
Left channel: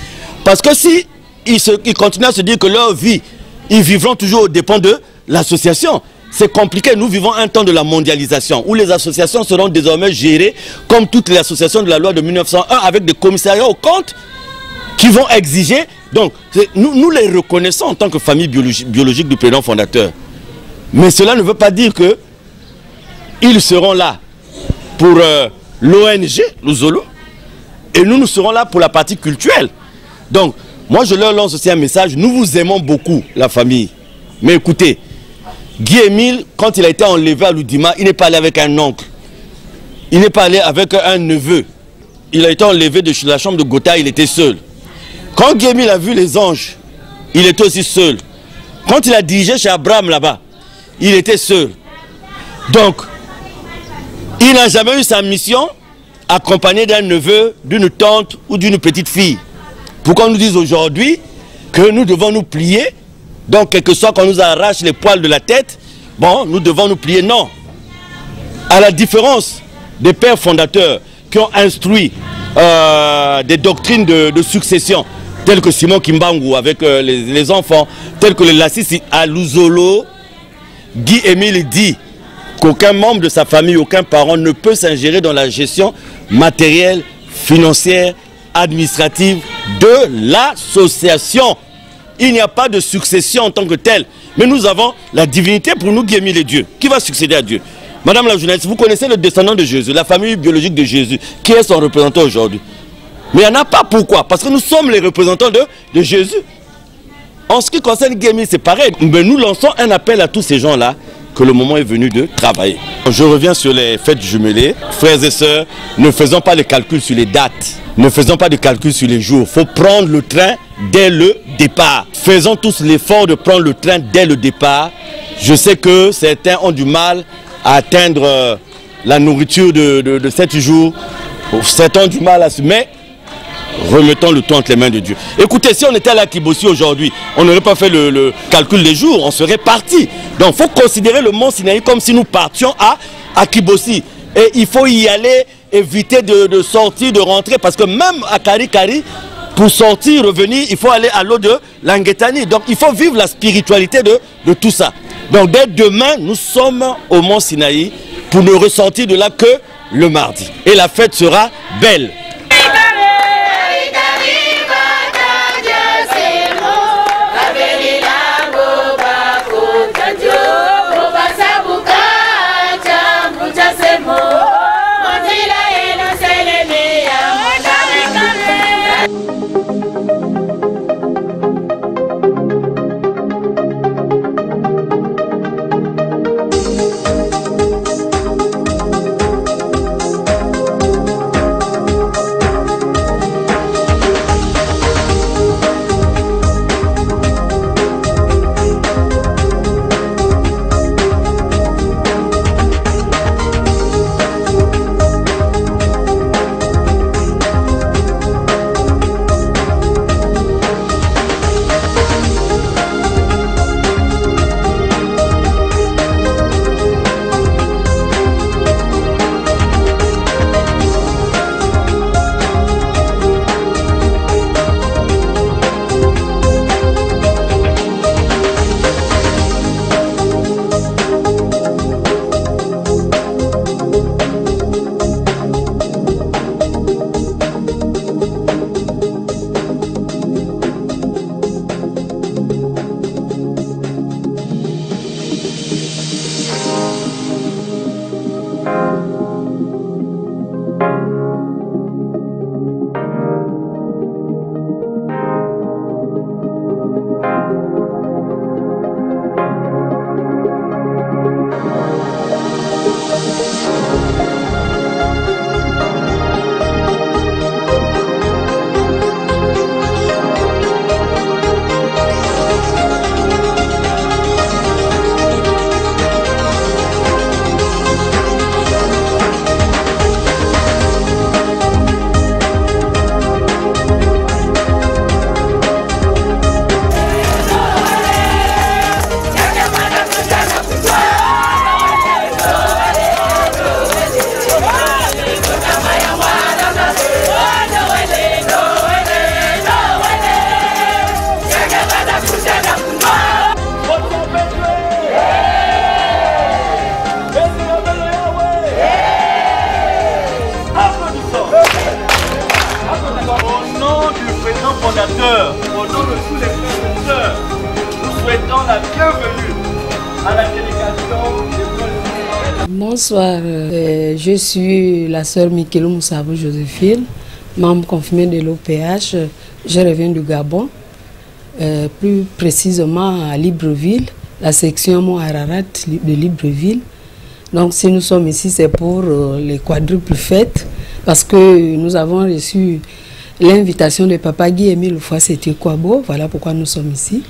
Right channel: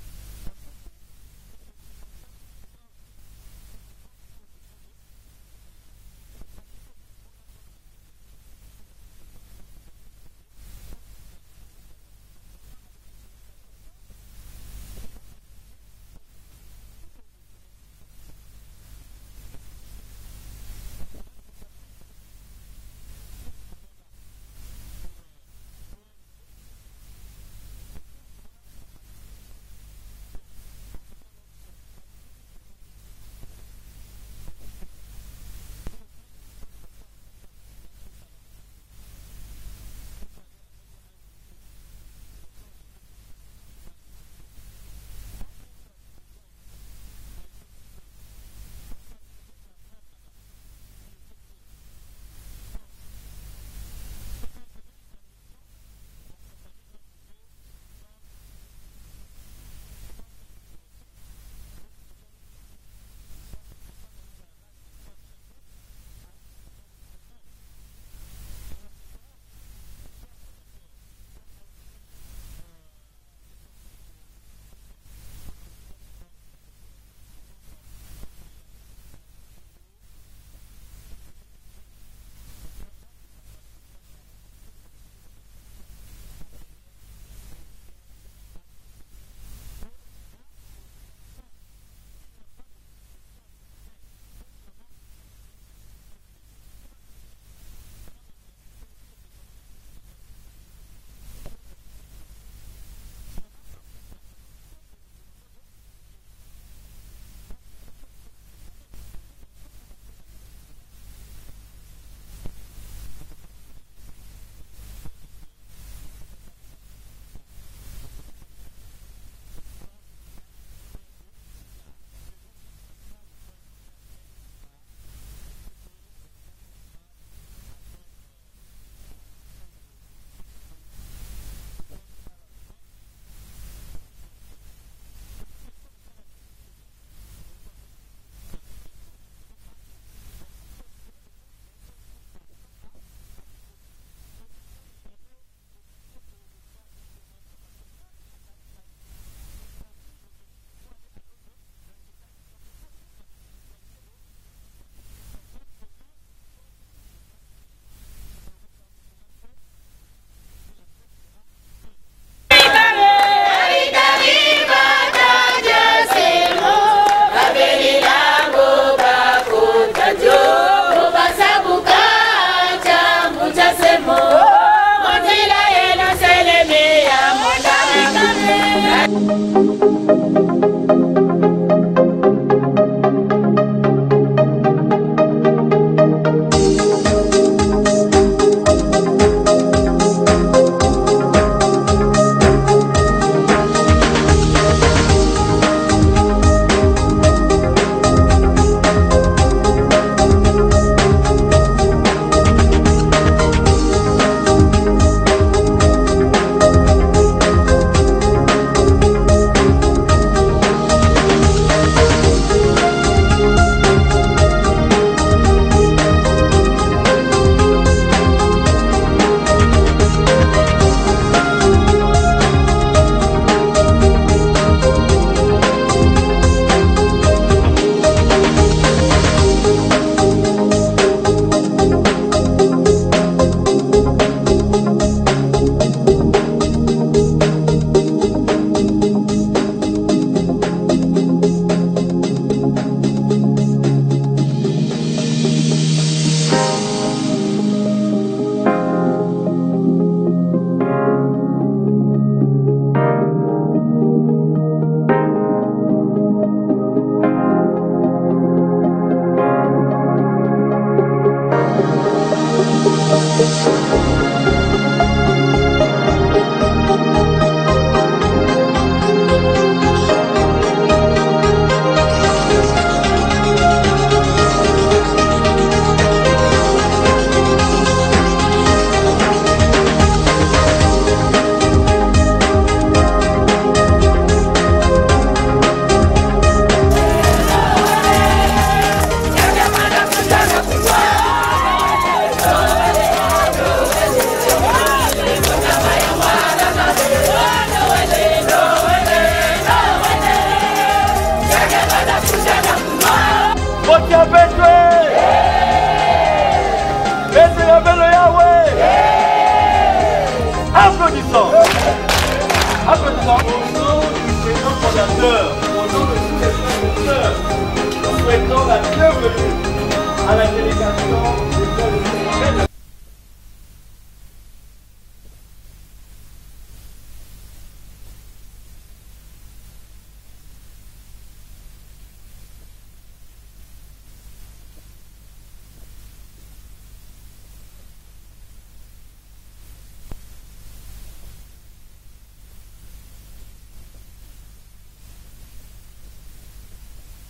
Parce que si ils continuent à se dire que leur vie, ils vivront toujours aux dépens de l'association, c'est compliqué. Nous vivons un temps de la mondialisation où les associations seront désormais gérées comme toutes les associations de la loi de 1901 avec des commissariats aux comptes qui vont exiger. Donc, nous les reconnaissons en tant que famille biologique du prénom fondateur. Mais cela ne veut pas dire que ils seront là pour l'ONG, l'Uzolo, et nous serons là pour la partie culturelle. Donc, moi je leur lance aussi un message, nous vous aimons beaucoup, la famille. Mais écoutez, Guy-Émile, quand il a été enlevé à l'Oudima, il n'est pas allé avec un oncle. Il n'est pas allé avec un neveu. Il a été enlevé de la chambre de Gotha, il était seul. Quand Guy-Émile a vu les anges, il était aussi seul. Quand il a dirigé chez Abraham là-bas, il était seul. Donc, il n'a jamais eu sa mission accompagné d'un neveu, d'une tante ou d'une petite fille. Pourquoi on nous dit aujourd'hui que nous devons nous plier? Donc, quel que soit qu'on nous arrache les poils de la tête, bon, nous devons nous plier. Non. À la différence des pères fondateurs qui ont instruit des doctrines de succession, telles que Simon Kimbangu avec les enfants, telles que les Lassis à l'Uzolo, Guy-Émile dit qu'aucun membre de sa famille, aucun parent ne peut s'ingérer dans la gestion matérielle, financière, administrative de l'association. Il n'y a pas de succession en tant que telle. Mais nous avons la divinité pour nous, Guy-Émile et Dieu. Qui va succéder à Dieu? Madame la journaliste, vous connaissez le descendant de Jésus, la famille biologique de Jésus. Qui est son représentant aujourd'hui? Mais il n'y en a pas. Pourquoi? Parce que nous sommes les représentants de Jésus. En ce qui concerne Guy-Émile, c'est pareil. Mais nous lançons un appel à tous ces gens-là que le moment est venu de travailler. Je reviens sur les fêtes jumelées. Frères et sœurs, ne faisons pas de calcul sur les dates. Ne faisons pas de calcul sur les jours. Il faut prendre le train dès le départ. Faisons tous l'effort de prendre le train dès le départ. Je sais que certains ont du mal à atteindre la nourriture de 7 jours. Certains ont du mal à se... Mais remettons le tout entre les mains de Dieu. Écoutez, si on était à la Kibossi aujourd'hui, on n'aurait pas fait le calcul des jours, on serait parti. Donc il faut considérer le mont Sinaï comme si nous partions à Kibossi. Et il faut y aller, éviter de sortir, de rentrer, parce que même à Kari, pour sortir, revenir, il faut aller à l'eau de Languetani. Donc il faut vivre la spiritualité de tout ça. Donc dès demain, nous sommes au mont Sinaï pour ne ressortir de là que le mardi. Et la fête sera belle. Au nom du président fondateur, au nom de tous les sponsors, nous souhaitons la bienvenue à la délégation de l'école. Bonsoir, je suis la sœur Mikelou Moussabou Joséphine, membre confirmée de l'OPH. Je reviens du Gabon, plus précisément à Libreville, la section Mont Ararat de Libreville. Donc si nous sommes ici, c'est pour les quadruples fêtes, parce que nous avons reçu l'invitation de Papa Guy Émile C'était Kwabo, voilà pourquoi nous sommes ici.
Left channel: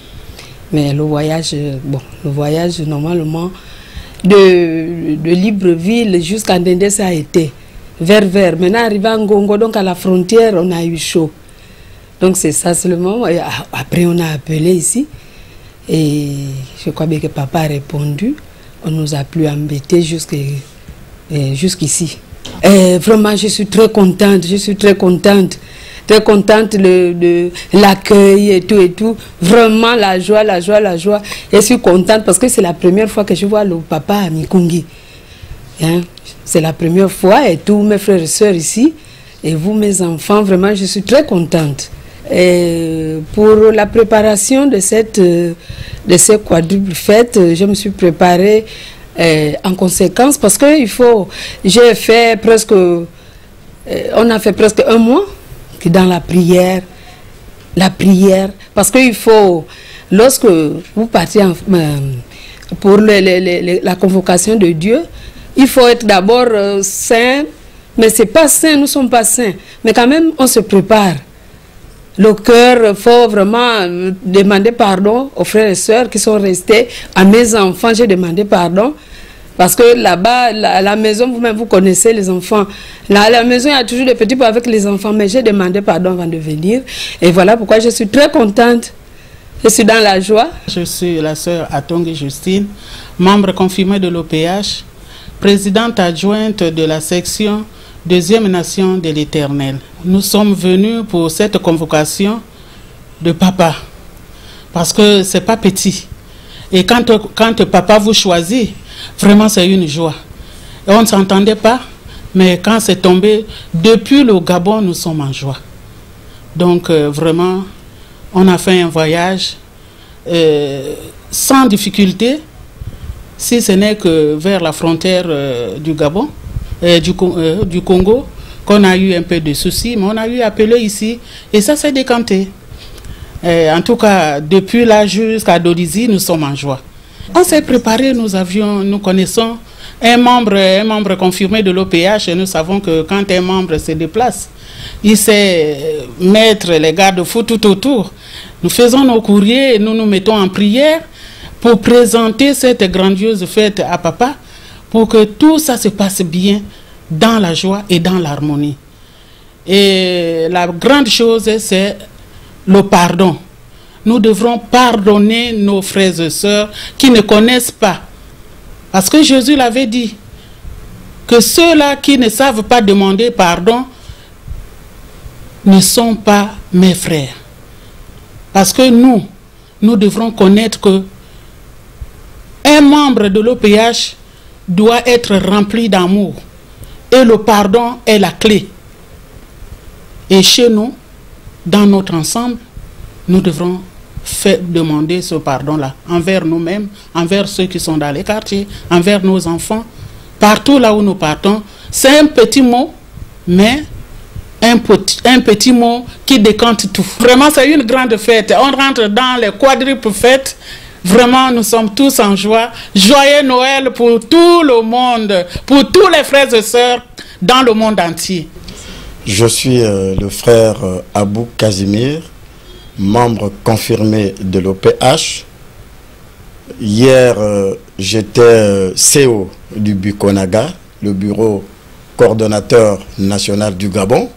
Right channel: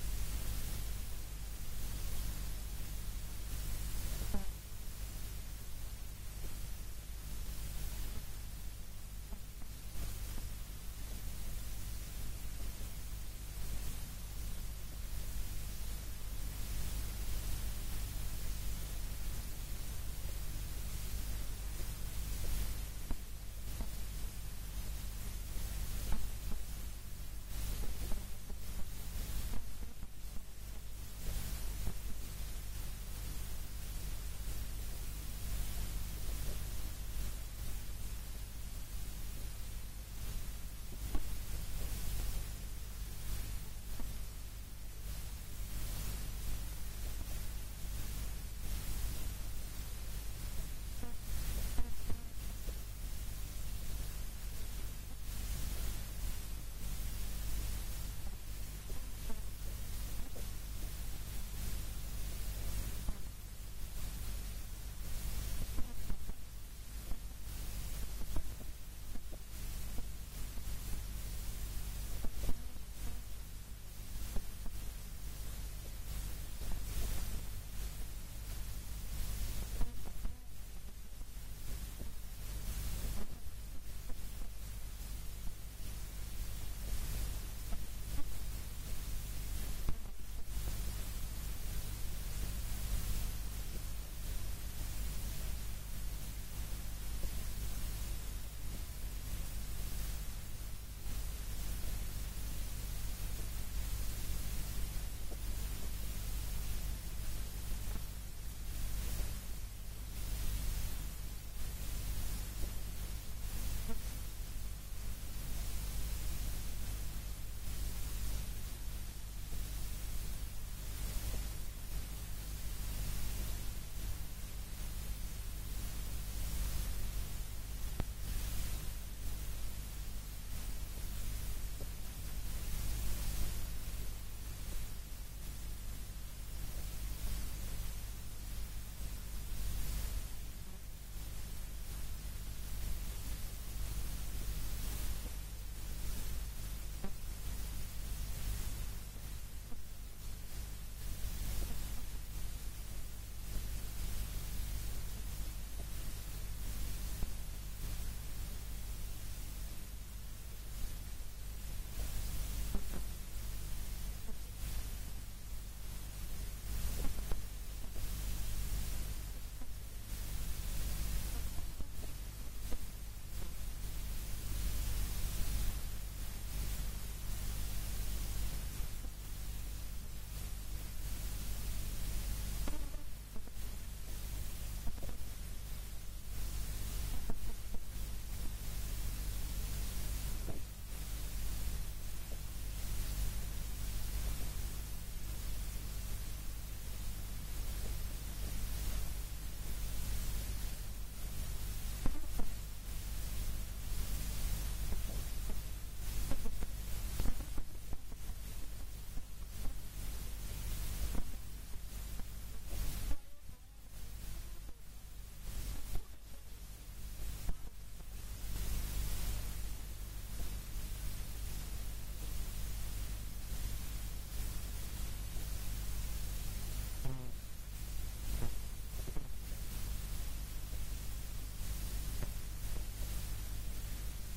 Mais le voyage, normalement de Libreville jusqu'à Ndende, ça a été vers. Maintenant, arrivé à Ngongo, donc à la frontière, on a eu chaud. Donc c'est ça seulement. Et après, on a appelé ici. Et je crois bien que Papa a répondu. On nous a plus embêtés jusqu'ici. Vraiment, je suis très contente. Très contente de l'accueil et tout. Vraiment, la joie. Je suis contente parce que c'est la première fois que je vois le papa à Mikungi. Hein? C'est la première fois et tous mes frères et sœurs ici. Et vous, mes enfants, vraiment, je suis très contente. Et pour la préparation de ces quadruples fêtes, je me suis préparée en conséquence parce que j'ai fait presque, on a fait presque un mois dans la prière, parce qu'il faut, lorsque vous partez pour la convocation de Dieu, il faut être d'abord saint, mais c'est pas saint, nous ne sommes pas saints. Mais quand même, on se prépare. Le cœur, il faut vraiment demander pardon aux frères et sœurs qui sont restés. À mes enfants, j'ai demandé pardon. Parce que là-bas, à la maison, vous-même, vous connaissez les enfants. Là, à la maison, il y a toujours des petits avec les enfants. Mais j'ai demandé pardon avant de venir. Et voilà pourquoi je suis très contente. Je suis dans la joie. Je suis la sœur Atongue Justine, membre confirmée de l'OPH, présidente adjointe de la section Deuxième Nation de l'Éternel. Nous sommes venus pour cette convocation de papa, parce que c'est pas petit. Et quand papa vous choisit, vraiment c'est une joie. Et on ne s'entendait pas, mais quand c'est tombé, depuis le Gabon, nous sommes en joie. Donc vraiment, on a fait un voyage sans difficulté, si ce n'est que vers la frontière du Gabon, du Congo, qu'on a eu un peu de soucis, mais on a eu appelé ici et ça s'est décanté. En tout cas, depuis là jusqu'à Dodizi, nous sommes en joie. On s'est préparé, nous connaissons un membre confirmé de l'OPH et nous savons que quand un membre se déplace, il sait mettre les garde-fous tout autour. Nous faisons nos courriers et nous nous mettons en prière pour présenter cette grandiose fête à papa, pour que tout ça se passe bien dans la joie et dans l'harmonie. Et la grande chose, c'est le pardon. Nous devrons pardonner nos frères et sœurs qui ne connaissent pas. Parce que Jésus l'avait dit, que ceux-là qui ne savent pas demander pardon ne sont pas mes frères. Parce que nous devrons connaître que un membre de l'OPH doit être rempli d'amour. Et le pardon est la clé. Et chez nous, dans notre ensemble, nous devrons demander ce pardon-là envers nous-mêmes, envers ceux qui sont dans les quartiers, envers nos enfants, partout là où nous partons. C'est un petit mot, mais un petit mot qui décante tout. Vraiment, c'est une grande fête. On rentre dans les quadruples fêtes. Vraiment, nous sommes tous en joie. Joyeux Noël pour tout le monde, pour tous les frères et sœurs dans le monde entier. Je suis le frère Abou Casimir, membre confirmé de l'OPH. Hier, j'étais CEO du Bukonaga, le bureau coordonnateur national du Gabon.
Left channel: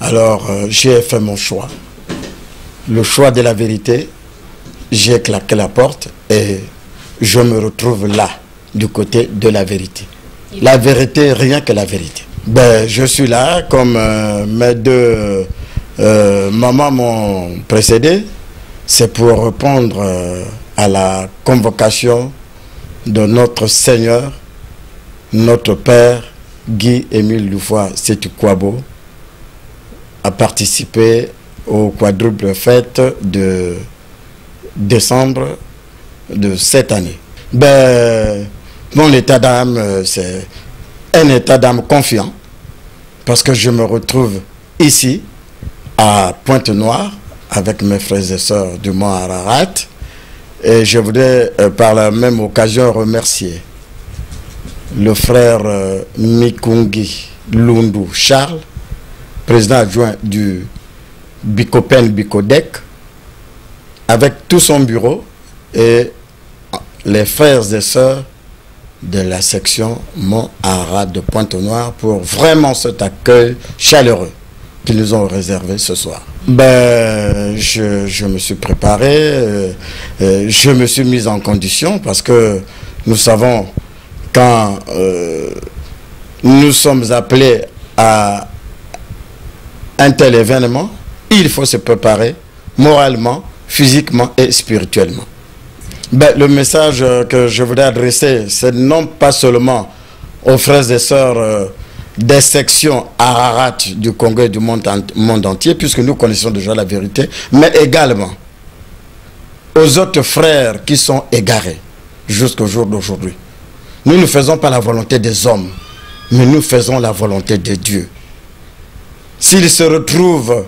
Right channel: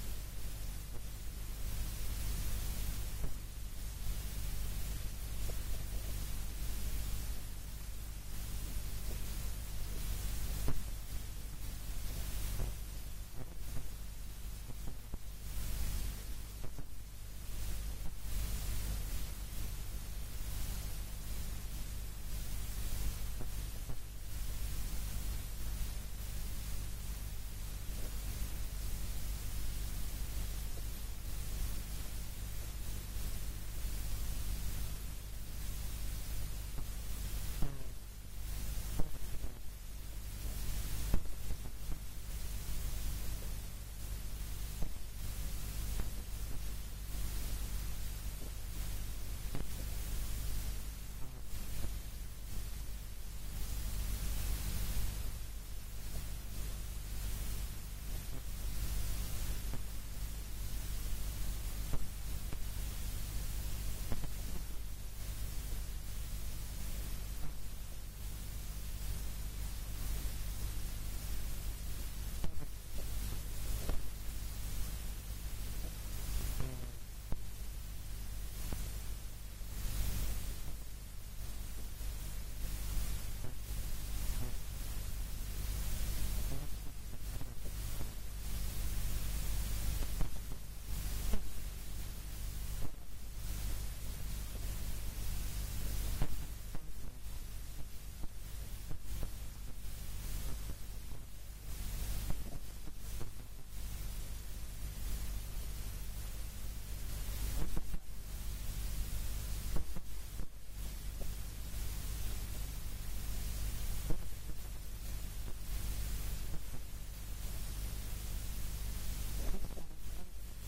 Alors, j'ai fait mon choix. Le choix de la vérité. J'ai claqué la porte et je me retrouve là, du côté de la vérité. La vérité, rien que la vérité. Ben, je suis là, comme mes deux mamans m'ont précédé. C'est pour répondre à la convocation de notre Seigneur, notre Père, Guy-Émile Loufoua Sétou-Kouabo, à participer au quadruple fête de décembre de cette année. Ben, mon état d'âme, c'est un état d'âme confiant, parce que je me retrouve ici, à Pointe-Noire, avec mes frères et sœurs du Mont Ararat, et je voudrais par la même occasion remercier le frère Mikungi Lundu Charles, président adjoint du Bicopen Bicodec, avec tout son bureau et les frères et sœurs de la section Mont Ararat de Pointe-Noire pour vraiment cet accueil chaleureux qu'ils nous ont réservé ce soir. Ben, je me suis préparé, je me suis mis en condition parce que nous savons quand nous sommes appelés à un tel événement, il faut se préparer moralement, physiquement et spirituellement. Ben, le message que je voudrais adresser, c'est non pas seulement aux frères et sœurs des sections Ararat du Congo et du monde entier, puisque nous connaissons déjà la vérité, mais également aux autres frères qui sont égarés jusqu'au jour d'aujourd'hui. Nous ne faisons pas la volonté des hommes, mais nous faisons la volonté de Dieu. S'ils se retrouvent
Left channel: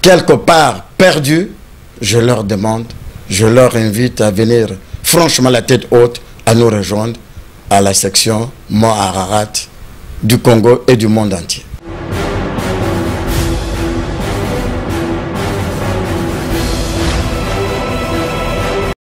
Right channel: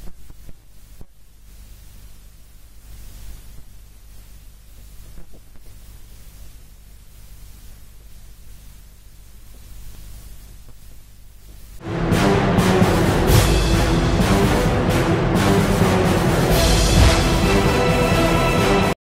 quelque part perdus, je leur demande, je leur invite à venir franchement la tête haute à nous rejoindre à la section Mont Ararat du Congo et du monde entier.